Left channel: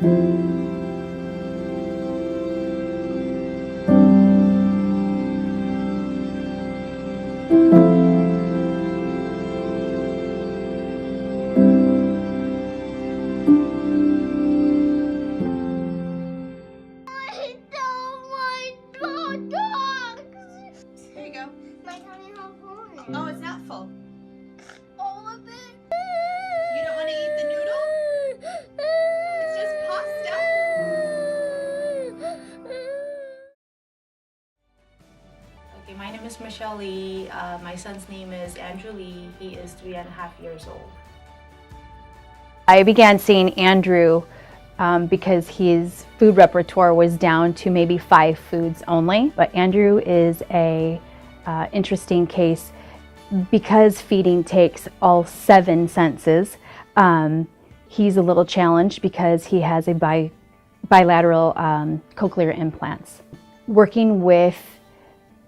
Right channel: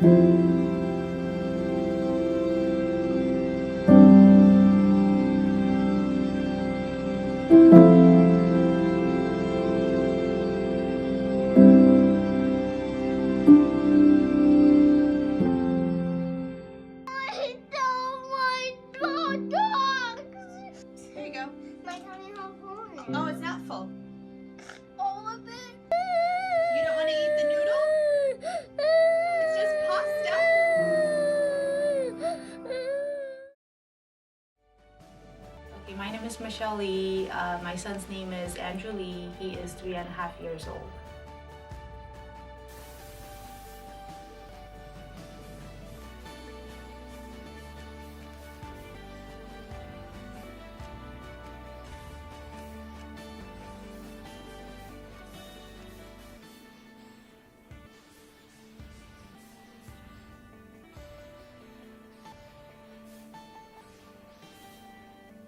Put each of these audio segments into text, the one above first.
Oh, it's not full. All of it? You don't want to eat the noodle? It's just pasta. Okay, my name is Michelle Lee. My son's name is Andrew Lee. He is 3.5 years old. I began seeing Andrew because his food repertoire was down to maybe 5 foods only. But Andrew is a interesting case because feeding takes all 7 senses. He's a little challenged because he has a bilateral cochlear implants. Working with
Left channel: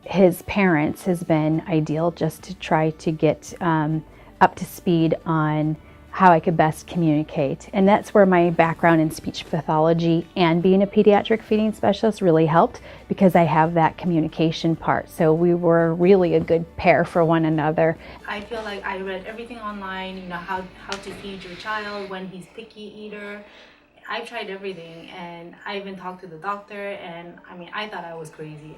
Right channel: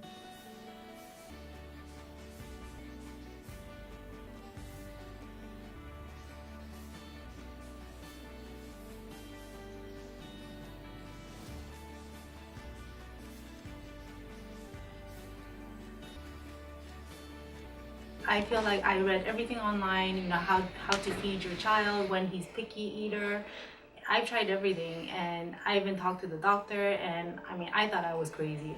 his parents has been ideal, just to try to get up to speed on how I could best communicate. And that's where my background in speech pathology and being a pediatric feeding specialist really helped, because I have that communication part. So we were really a good pair for one another. I feel like I read everything online, you know, how to feed your child when he's picky eater. I've tried everything, and I even talked to the doctor, and I mean, I thought I was crazy.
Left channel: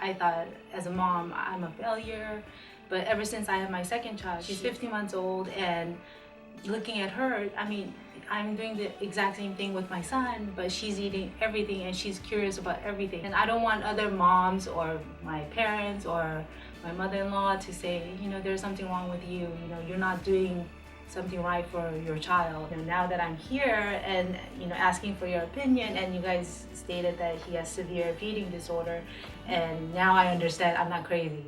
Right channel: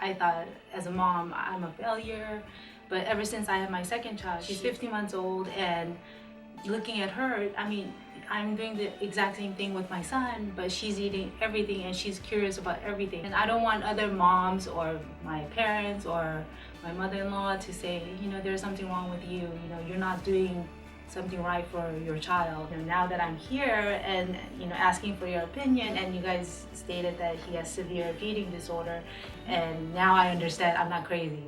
I thought as a mom, I'm a failure. But ever since I have my second child, she's 15 months old, and looking at her, I mean, I'm doing the exact same thing with my son, but she's eating everything and she's curious about everything. And I don't want other moms or my parents or my mother-in-law to say, you know, there's something wrong with you, you know, you're not doing something right for your child. You know, now that I'm here and, you know, asking for your opinion, and you guys stated that he has severe feeding disorder, and now I understand I'm not crazy.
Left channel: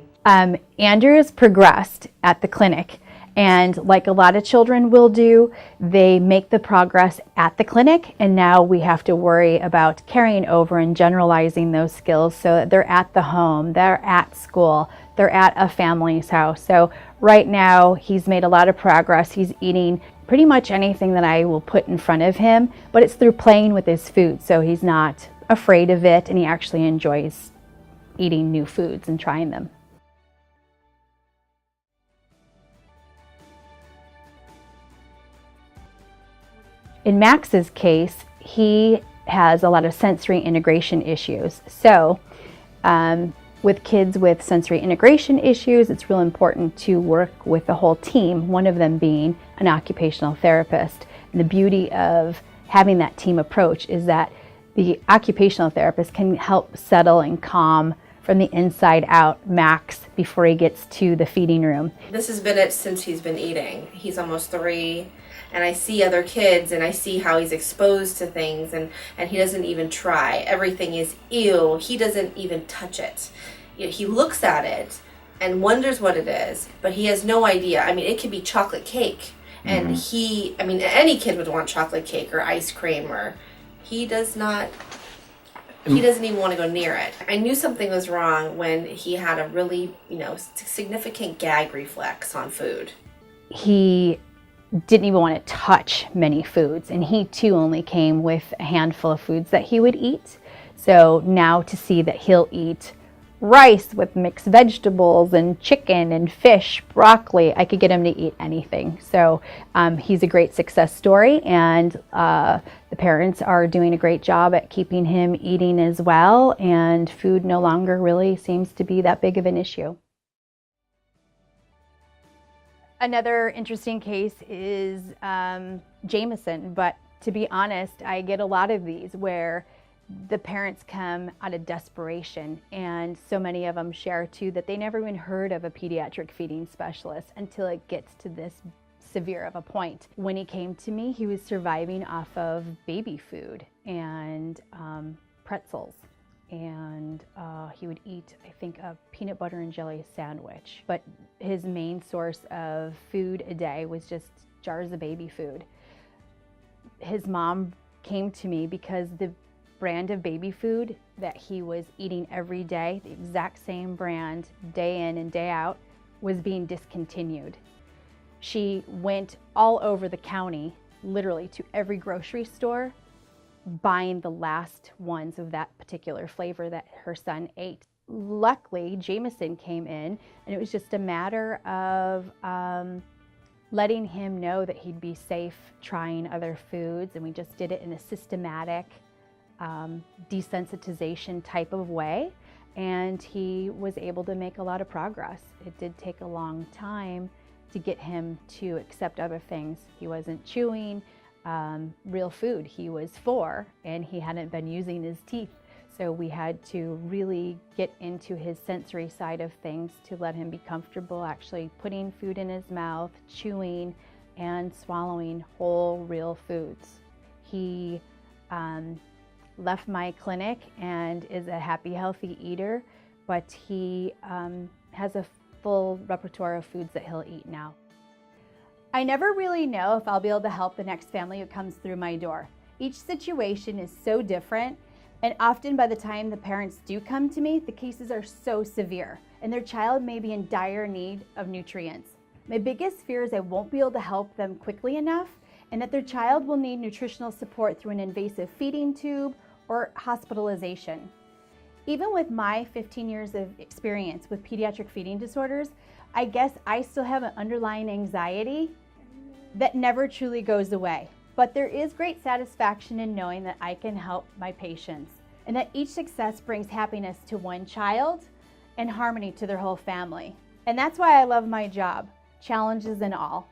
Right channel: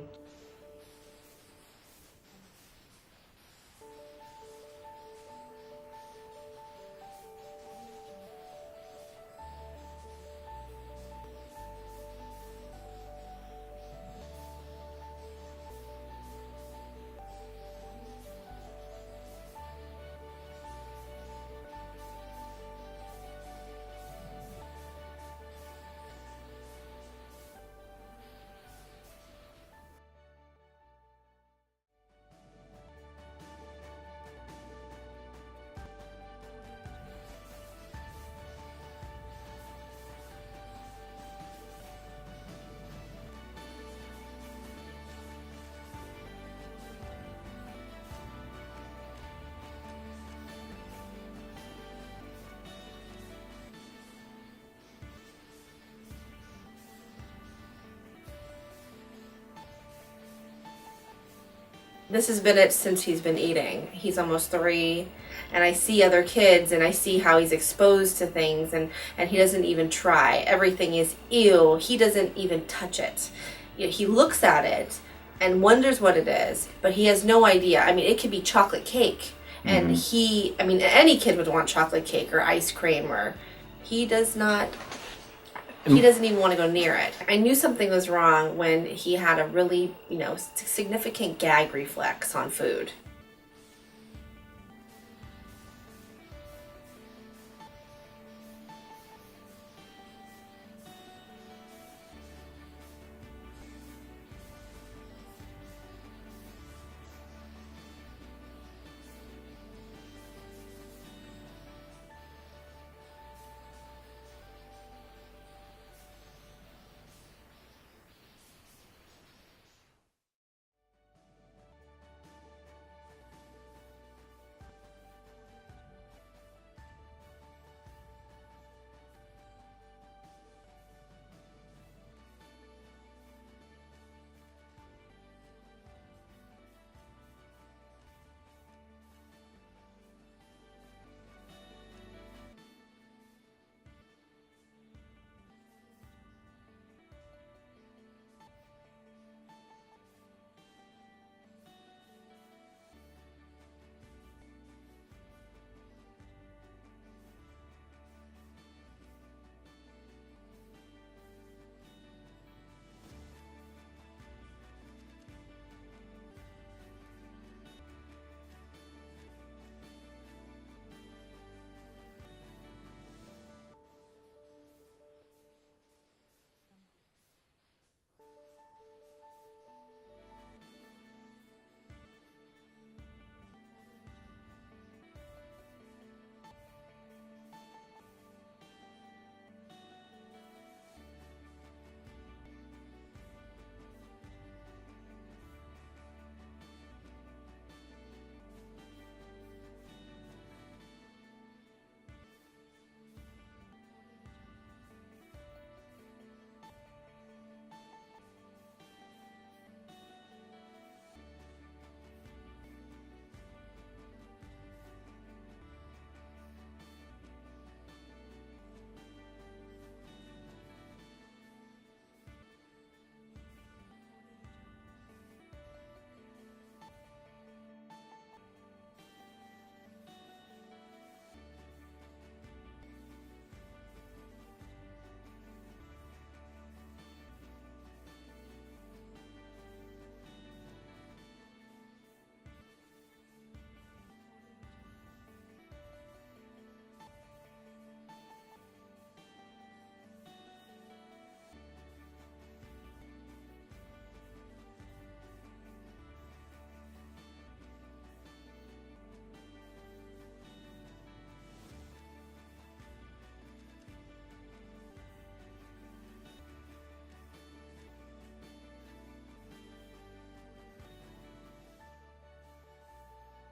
Andrew has progressed at the clinic. And like a lot of children will do, they make the progress at the clinic, and now we have to worry about carrying over and generalizing those skills so that they're at the home, they're at school, they're at a family's house. So right now he's made a lot of progress. He's eating pretty much anything that I will put in front of him, but it's through playing with his food. So he's not afraid of it, and he actually enjoys eating new foods and trying them. In Max's case, he has a lot of sensory integration issues. So with kids with sensory integration issues, it's real important to work with the whole team, one of them being an occupational therapist. And the beauty of having that team approach is that the occupational therapist can help settle and calm from the inside out Max before he gets to the feeding room. This has been it since he's been eating. He's almost 3, and I see other kids and I see how he's exposed to things, and he doesn't even try. Everything is ew. He doesn't even touch it. You know, he looks at it and wonders what it is, but he has no idea. I mean, it could be chocolate cake, and I mean, any kid would want chocolate cake or ice cream, or he does not. He doesn't even want to go near it. I knew something was wrong when he had a really, you know, significant gag reflex on food. He didn't even want to touch many foods, and he too only came with a handful of foods that he would eat. So now to see that he'll eat rice with mixed vegetables and chicken and fish, broccoli, I could get him to eat anything. So he's a great success story, and the parents are doing a great job at keeping him eating as well, and food no longer really seems to be that big of an issue. Another interesting case is Jameson, but to be honest, I get a lot of these where the parents come out of desperation, and so many of them share too that they never even heard of a pediatric feeding specialist until it gets to this severe of a point. When he came to me, he was surviving off of baby food and pretzels, and he would eat, I think, a peanut butter and jelly sandwich. But his main source of food a day was just jars of baby food. His mom came to me because the brand of baby food that he was eating every day, the exact same brand day in and day out, was being discontinued. She went all over the county, literally to every grocery store, buying the last ones of that particular flavor that her son ate. Luckily, Jameson came in, and it was just a matter of letting him know that he'd be safe trying other foods, and we just did it in a systematic desensitization type of way, and he was able to make a lot of progress. It did take a long time to get him to accept other things. He wasn't chewing real food. He was 4 and he hadn't been using his teeth. So we had to really get into his sensory side of things to let him be comfortable actually putting food in his mouth, chewing, and swallowing whole, real foods. He left my clinic and is a happy, healthy eater, but he has a full repertoire of foods that he'll eat now. I never really know if I'll be able to help the next family who comes through my door. Each situation is so different, and often by the time the parents do come to me, the cases are so severe, and their child may be in dire need of nutrients. My biggest fear is I won't be able to help them quickly enough, and that their child will need nutritional support through an invasive feeding tube or hospitalization. Even with my 15 years of experience with pediatric feeding disorders, I guess I still have an underlying anxiety that never truly goes away. But there is great satisfaction in knowing that I can help my patients, and that each success brings happiness to one child and harmony to their whole family. And that's why I love my job, challenges and all.